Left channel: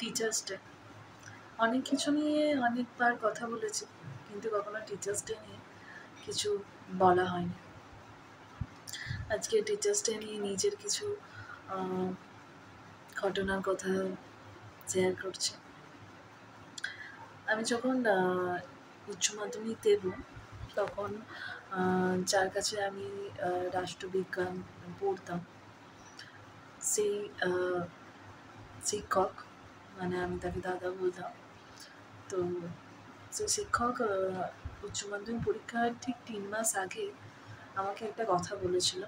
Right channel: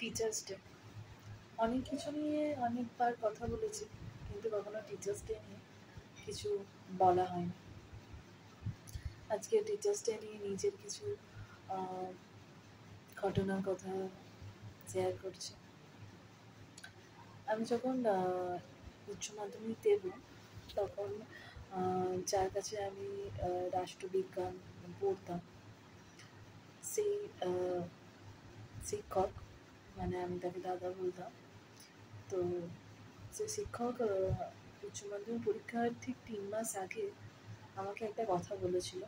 Teachers day অনেক কিছু নিয়ে অনেকবার কথা বলেছি, কিন্তু কখনো টিচার্স ডে নিয়ে কিছু বলা হয়নি। আজকে টিচার্স ডে নিয়ে নিজের কিছু ঘটনার কথা শেয়ার করছি। আমি যখন উচ্চ মাধ্যমিক দেব, তখন যার কাছে আমি রাষ্ট্রবিজ্ঞান পড়তাম, সেই শিক্ষক, মানে আমি তাকে দাদা বলতাম। তো সেই শিক্ষক উচ্চ মাধ্যমিক পরীক্ষার ঠিক 3 মাস আগে আমাকে একটা কথা বলেছিল।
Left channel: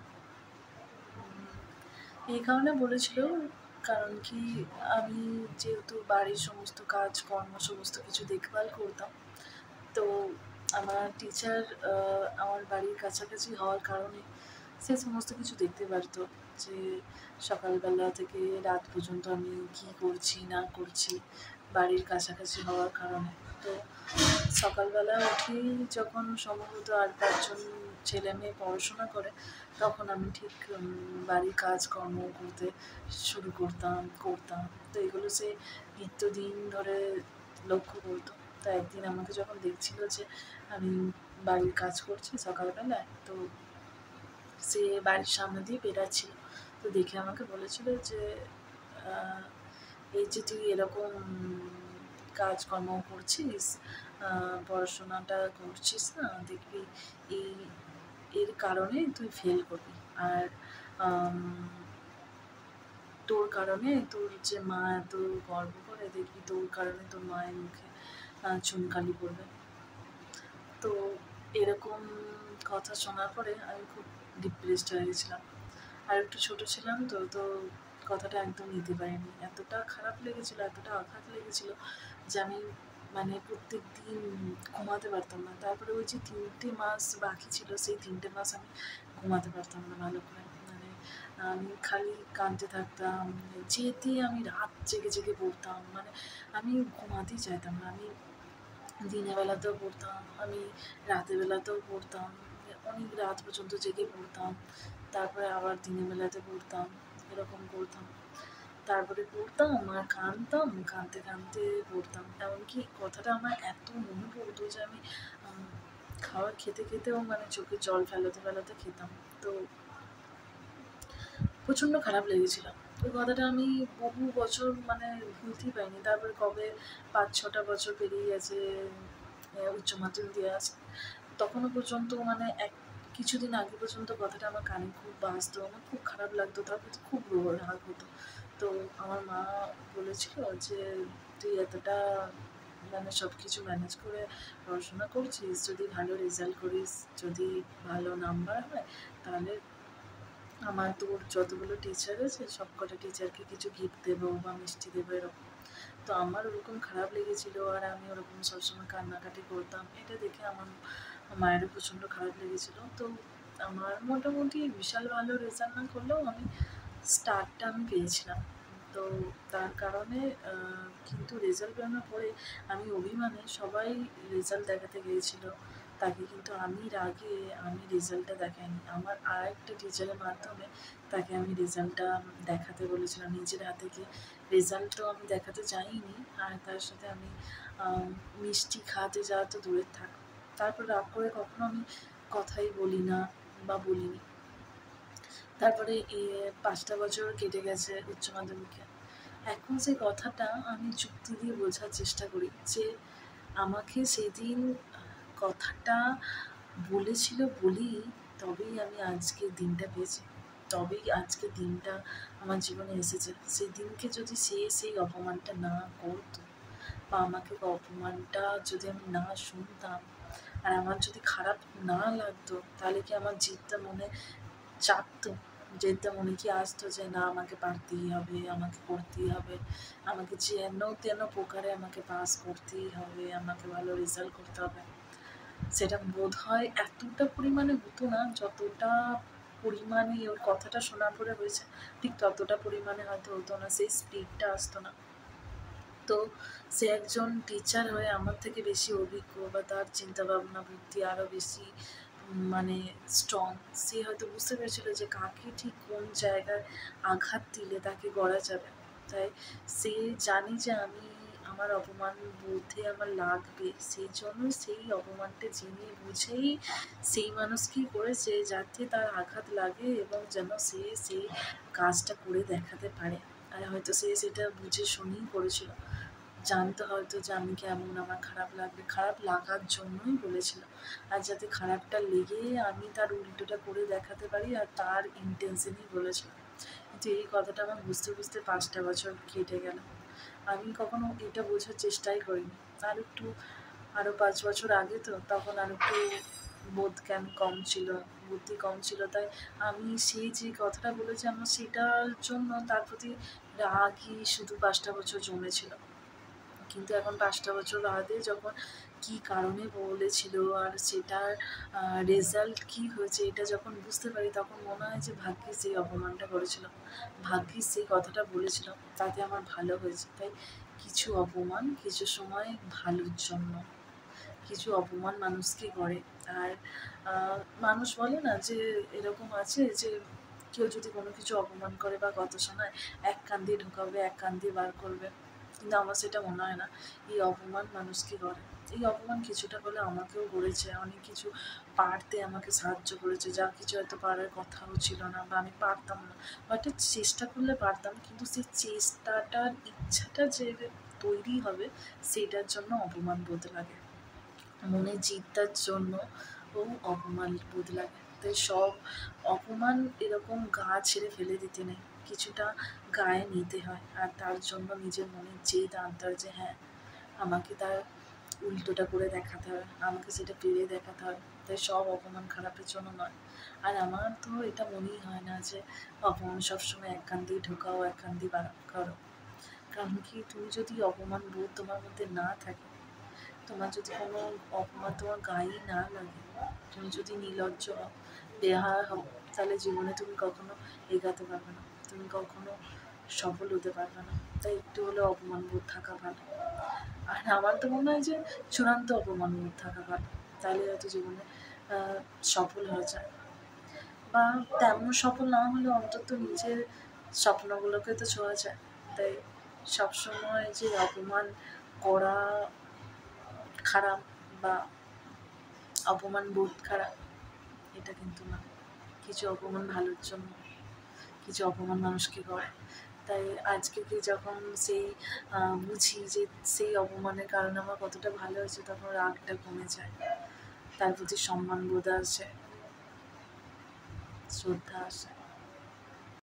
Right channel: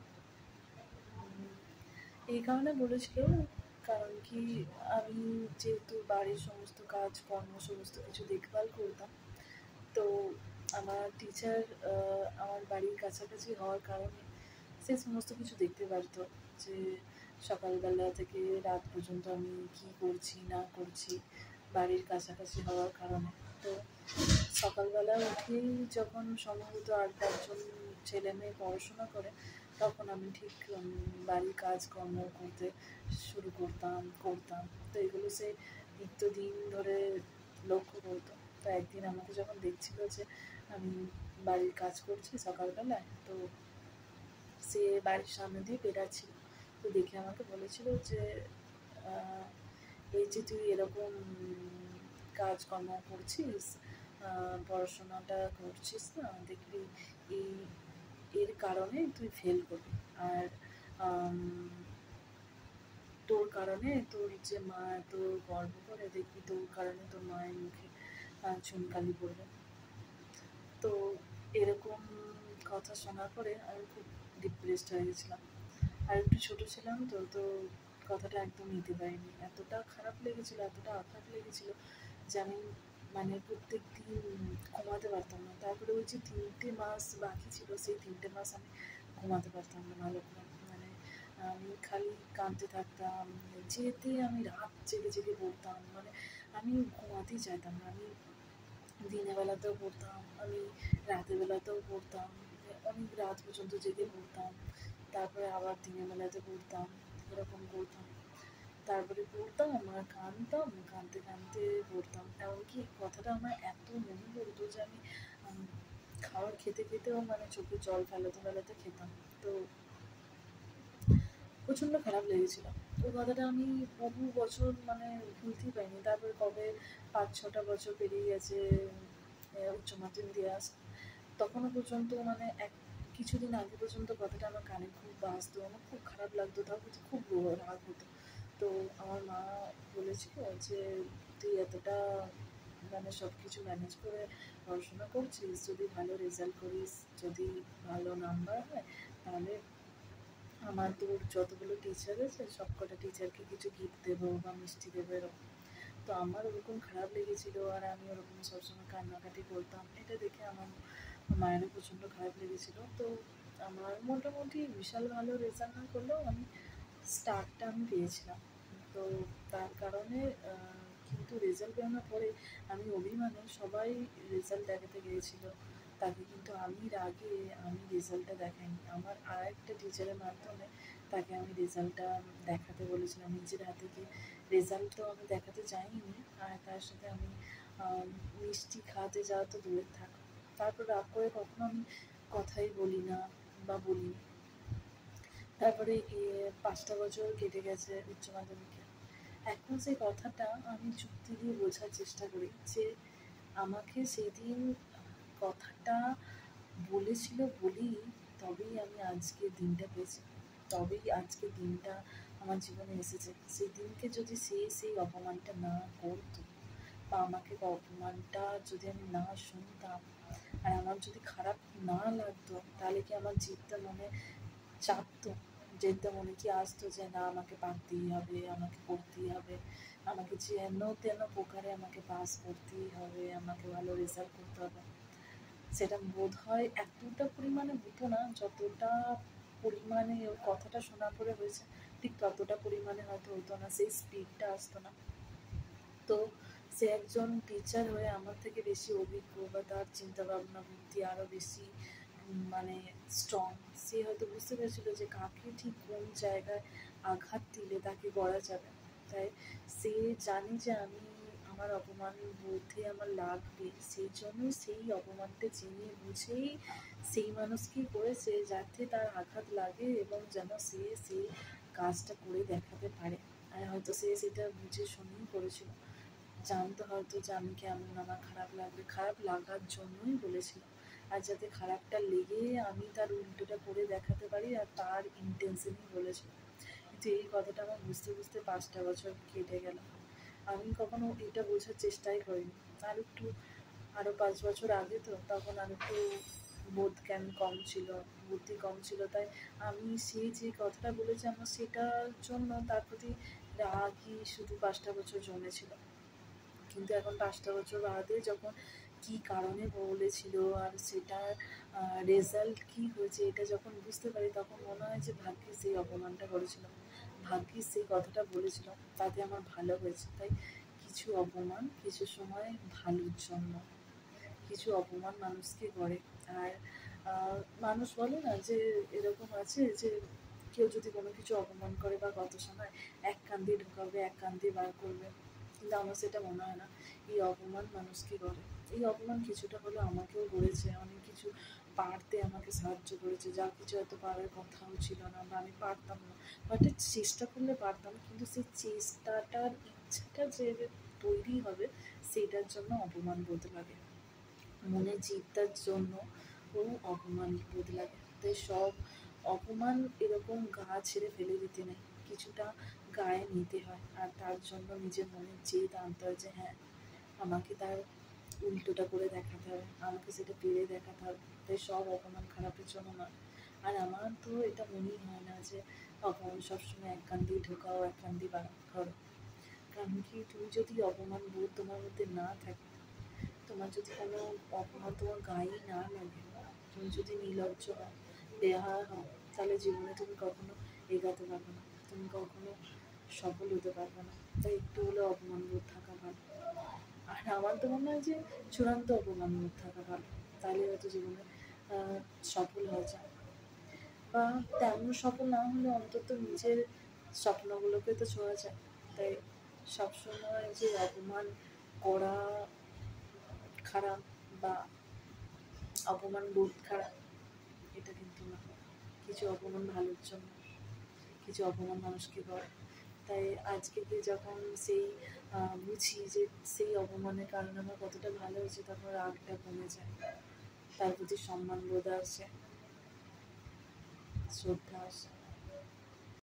এই কারণে বলেছিল, কারণ কি আমি যেহেতু বাড়ির সমস্ত কাজকর্ম সমস্ত কিছু দেখভাল করতাম, তো আমার টিচার আমার বাড়ির কাছাকাছি হওয়ার কারণে সে সমস্ত কিছু দেখতে পারতো, যে সকালবেলা থেকে রাত পর্যন্ত আমি কী করছি না করছি, বাড়ির কাছাকাছি হওয়ার কারণে। তো সকালবেলা উঠেই যখন সম্ভবত 8-5 জন ছেলে মেয়ে পড়াশোনা করে, তখন আমি ঠিক বাড়ির কাজকর্ম করতে শুরু করতাম। তো এগুলো সে নিত্যদিন ধরে লক্ষ্য করতো। তো একদিন আমাকে যখন দেখছিল যে আমি বাড়ির কাজ করছি সকালবেলায়, তো সে বাড়ির সামনে দিয়ে বেরাচ্ছিল। তো দেখে আমাকে বলেছিল যে এই যে তুই এরকম কাজকর্ম করছিস, পড়াশোনাটা করছিস না, দেখবি এই এর কারণে তুই ফেল করবি। আর তোর কারণে তোর যে মা এত গর্ব করে, দেখবি তোর কারণে তোর মায়ের মুখে চুনকালি পড়বে। তো এরকম কথা শোনার পরে আমি খুব ডিপ্রেসড হয়ে গেছিলাম। আর একটু ছোটো ছিলাম, তো কথাটা একদম নিতে পারিনি। এতটা খারাপ লেগেছিলো, এতটা আঘাত লেগেছিলো যে আমি মানে প্রত্যেক দিন ঘুমাতে পারতাম না। তারপরে ওই যে 3টে মাস বাকি ছিল, সেই 3টে মাস আমি ঘুমাতে পারতাম না ভালো করে। মানে আমি খালি কাঁদতে থাকতাম, যেতেই আমি রাত জেগে জেগে পড়তাম। মানে আমি ঘুমাতেই চাইতাম না। আমি দিনের বেলাতেও পড়তাম, আমি রাতের বেলাতেও পড়তাম, অনেক রাত পর্যন্ত জেগে পড়তাম, তারপরে আবার দিনের বেলাতে পড়তাম, এরকম করতাম। তারপরে পড়তাম আর কাঁদতাম, কাঁদতে কাঁদতে পড়তাম। এমনকি কথাটা আমার এত মনে পড়তো যে আমি খাবার খেতে খেতেও মানে চোখে জল ফেলাতে ফেলাতে খেতাম। তো প্রচণ্ড খারাপ লেগেছিল। ওই কথাটা আমি বহু বছর মানে ভুলতেই পারিনি। তারপরে কবে 5-6টা বছর পেরিয়ে গেছে, উচ্চ মাধ্যমিক দিয়ে আসছে, তখনও পর্যন্ত মানে কিছুদিন আগে পর্যন্ত কথাটা আমার কানে খুব বাজতো, আমার খুব খারাপ লাগতো, তার প্রতি খুব রাগ হতো। তো আমার মা বলেছিল যে তুই এতটা মানে সব কিছু ম্যানেজ করে পড়াশোনা করছিস, যদি ভালো রেজাল্ট করিস, যদি ভালো নাম্বার হয়, তাহলে আমার তোর যতগুলো টিচার আছে সব কটা টিচারকে কিছু গিফট দেবো বা মিষ্টি দেবো, এরকম। তো আমার ওরকম খারাপ লেগেছিলো, আর আমি ওরকম সবসময় কান্নাকাটি করতাম। এটা দেখে আমার মায়েরও প্রচণ্ড খারাপ লেগেছিলো। তো আমার মোটামুটি বিশাল ভালো রেজাল্ট না করলেও আমি স্টারটা আমি পেয়েছিলাম। তো তার কারণে কিন্তু রেজাল্ট বেরোনোর পরে আমি অভিমানে সবাই রেজাল্ট দেখাতে গিয়েছিলো, তাকে কিন্তু আমি রাগে আমি রেজাল্টটা দেখাইনি। আমার আরেকটা টিচারের মাধ্যমে তাকে আমি রেজাল্টটা দেখাতে বলেছিলাম নিজের হাতে গিয়ে। রেজাল্ট তো আমি দেখাতে যাইনি, আর তার সাথে আমি মিষ্টি খাওয়াতে যাওয়া তো দূরের থাক, তারপর রাগ করে কখনো আমি কথাই বলি না বা বলিনি। তারপরে 5টা বছর কেটে গেছে উচ্চ মাধ্যমিকে। এখন সেই কথাটা আমি যুক্তি দিয়ে বোঝার চেষ্টা করি যে আমাকে সেদিন কথাটা বলেছিল বলেই তবেই আমি আজকের দিনটা পেয়েছি, তবেই আজকের দিনটা আমার জীবনে এসেছে। সেদিনকে যদি সেই অপমানটা না করতো, বা আমাকে অপমানটা যদি আমি না শুনতাম, আর আমার যদি খারাপ না লাগতো, তাহলে কি আমার জিতটা মনে চাপতো, যেটা মনে কি আসতো যে না আমাকে পারতেই হবে, আমাকে করতেই হবে, আমাকে যেন তেন প্রকারে আমাকে পাস করতেই হবে, আমাকে ভালো রেজাল্ট করতে হবে, সেটা বোধ হয় এতটা পরিমাণে হতো না যতটা পরিমাণে ওর কথাটা শোনার পরে হয়েছে। ঠিক ততটা পরিমাণে হয়তো হতো না, সেই স্পিডটা আসতো না। তো সে একজন টিচার হয়ে আমার থেকে বেশি অভিজ্ঞ, বা তার চিন্তাভাবনা বুদ্ধি আরও বেশি মানে স্ট্রং। সে হয়তো বুঝতে পেরেছিল যে কাকে ঠিক কোন জায়গায় আঘাত দিলে তাকে গড়া যাবে। তাই সে জানে যে আমি আমার অপমান বোধে আমার লাগবে, সেই জন্য সেই অপমানটা জেনে বুঝেই সেই মানুষকেই করেছে যাতে তার আঘাত লাগে এবং যেন সে সেই কাজটা করে দেখাতে পারে। আর হয়তো সে সেটা বুঝে শুনেই করেছিল, জানতো হয়তো যে আমি কেমন, আমার খারাপ লাগবে, খারাপ লাগার জন্যই বলেছিল। আর যাতে খারাপটা লেগে আমি তার উল্টোটা করে দেখাতে পারি, আর তার ইন্টেনশনই বলেছিল। কিন্তু এই কথাটা আমার বুঝতে বুঝতে 5টা বছর কেটে গেল। আমি কখনো এটা বোঝার চেষ্টাই করিনি। আর একটু আরও 5 বছর আগে তো, তখন আর একটু বোধ জ্ঞান কম ছিল, বুদ্ধি কম ছিল, তাই আমি সেই যে কথাটা বলেছি আমার সেটার জন্য তার প্রতি রাগই শুধু 5টা বছর জমেছিল। কিন্তু এখন 5টা বছর বাদে যখন কী কারণে বলেছিল আর সেটার রেজাল্ট কী হয়েছে এটা যখন বুঝতে পারি, তখন মনে হয় যে ভাগ্যিস সেই অপমানটা করেছিল, ভাগ্যিস সেই কথাটা বলেছিল, তাতে আমার ভালো হয়েছে। তাই কিছু অপমান কিছু সময় ভালোর জন্য, কিছু অপমান মানুষকে করে। আর মানুষ বলে না যে এরকম আছে যে কেউ যদি কোনো কিছু অপমান করে বা কথা শোনায়, এক কান দিয়ে ঢোকাবে এক কান দিয়ে বার করবে, কিন্তু আমার সেটা মনে হয় না। এই অপমান মানুষকে করে, এই অপমান কিছুটা হলে আমাকেও করেছে, অনেক কিছু পারতে আমাকে সাহায্য করেছে, যা কিছু হয়তো পারার কথাও ছিল না বা আমি পারতাম না, বাট চেষ্টা করলে পারতাম, কিন্তু সেই চেষ্টাটার ইচ্ছাটা যে তৈরি হবে সেটার জন্য অপমান বোধ লাগে, মনে জিতটার জন্য ও অপমান বোধ লাগে। তাই সব অপমান এরকম গা ছেড়ে ফেলে দিতে নেই, কিছুটা গায়ে নিতে হয়, আর তার জন্য নিজের মনে জেদ আনতে হয় যে হ্যাঁ আমাকে তার উল্টোটা করে দেখাতে হবে, আমাকে সেটা পেরে দেখাতে হবে। তাই সব অপমান খারাপের জন্য নয়। আর আমার তো এটা মনেই হয় না যে অপমান সবসময় এক কান দিয়ে ঢোকাও এক কান দিয়ে বার করো। কারণ কি, তুমি যদি অপমান বোধ তোমার মধ্যে না থাকে, তোমার যদি কোনো অপমান তোমার গায়েই না লাগে, তুমি যদি নির্লজ্জ হও, বেহায়া হও, তাহলে জীবনে তুমি কখনো এগাতে পারবে না, তুমি কখনো সফল হতে পারবে না। তাই একটু হলেও অপমান বোধ থাকা ভালো। আর আমার তো মনে হয় যে চূড়ান্ত অপমান বোধ থাকা ভালো, তাহলে হয়তো জীবনে সফল হয়ে যায়, বা তেমন সফল না হলেও অন্তত নিজের স্বপ্নগুলোকে তো ছোঁয়া যায়। তাই সবসময় যে অপমান করা খারাপ বা অপমান বোধ খারাপ, এটা কিন্তু না। কিছু অপমান ভালোর জন্য, কিছু অপমান মানুষকে করে। তাই আজকে যখন সেই বুঝি যে সেই অপমানের কারণে আমার কতটা ভালো হয়েছে, তখন রাগটা কমে যায়, তার প্রতি সম্মান বোধ আসে, শ্রদ্ধা আসে।